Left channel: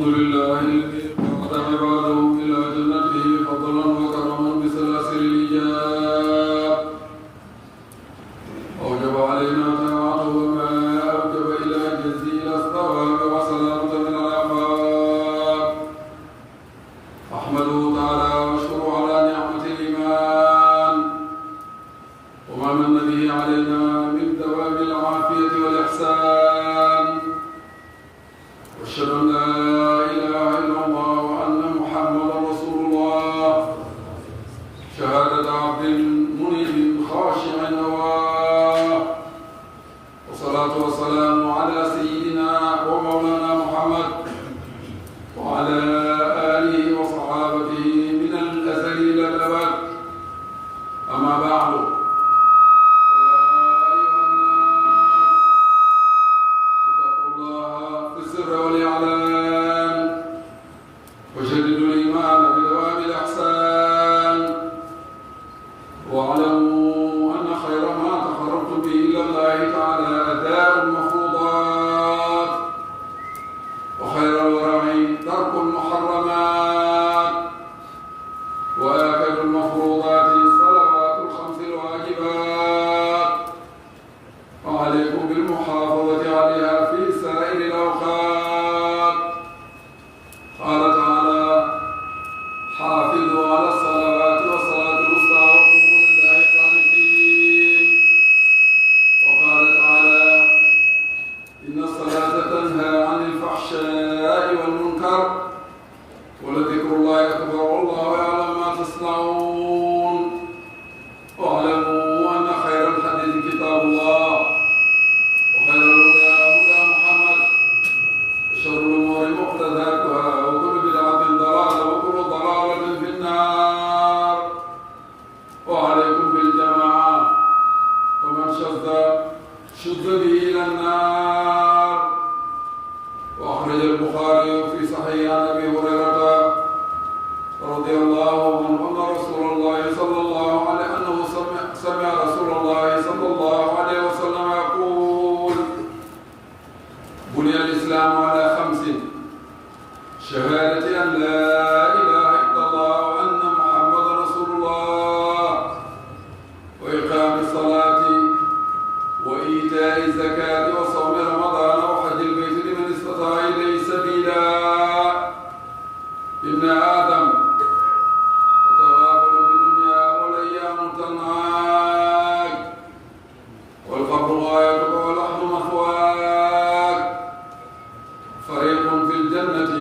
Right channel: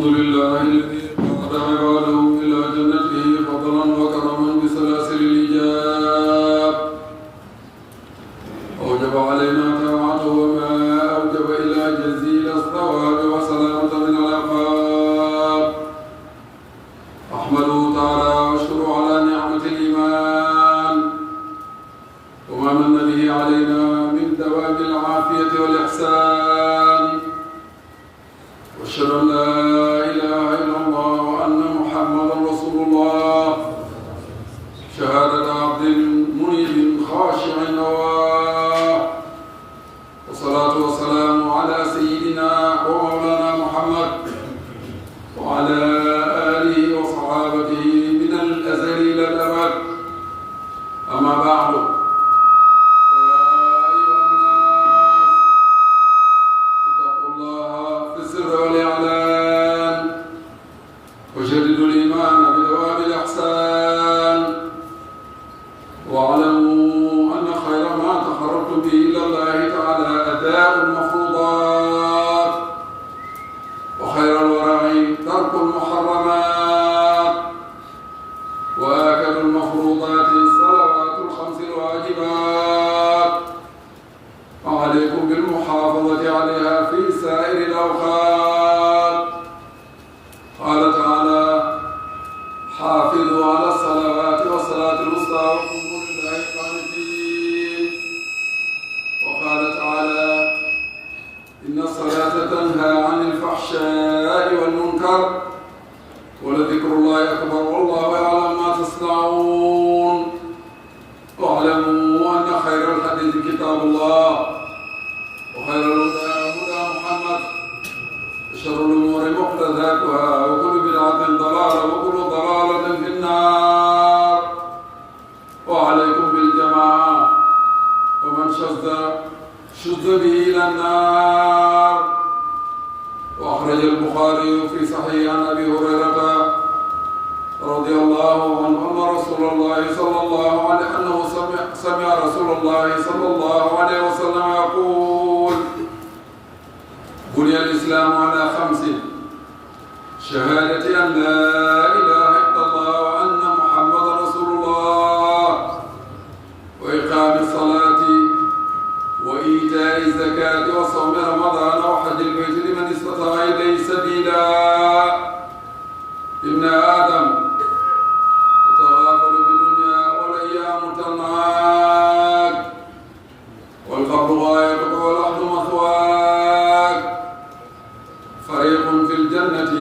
الحمد لله الذي قاد عباده إلى جنته فضلا وكرما بسلاسل الإيجاب أوجب علينا طاعته وما أوجب إلى جزيل الثواب وسلامة من العقاب. أحمده تعالى وأشكره على نعمة الإيمان وما من به علينا من دوام العافية والإحسان، وأشهد أن لا إله إلا الله وأن محمدا رسول الله شهادة عبد منيب خاشع نواه، والصلاة والسلام على سيدنا ومولانا محمد وعلى آله وصحابته من الأزل إلى الأبد. أما بعد، فيا أيها الناس اتقوا الله في السر والإعلان وجددوا الإيمان بدوام الإحسان، واعلموا أن خير ما تقربتم به إلى الله تعالى أداء المفروضات، وخير الورع ترك المحرمات، وآكد المفروضات الصلوات الخمس الواجبات، وعليكم بالمحافظة عليها في سائر الأوقات. قال تعالى: حافظوا على الصلوات والصلاة الوسطى وقوموا لله قانتين. وقال تعالى: إن الصلاة تنهى عن الفحشاء والمنكر ولذكر الله أكبر والله يعلم ما تصنعون. واعلموا أن خير الحديث كتاب الله، وخير الهدى هدى محمد، وشر الأمور محدثاتها، وكل بدعة ضلالة، وكل ضلالة في النار. وعليكم بالجماعة، ومن شذ به إلى النار. وأخرج البخاري في صحيح عن أبي هريرة رضي الله عنه أن رسول الله صلى الله عليه أنه سمع رسول الله صلى الله عليه وسلم يقول: بني الإسلام على 5: شهادة أن لا إله إلا الله وأن محمدا رسول الله، وإقام الصلاة، وإيتاء الزكاة، وصوم رمضان، وحج البيت لمن استطاع إليه سبيلا. ابن آدم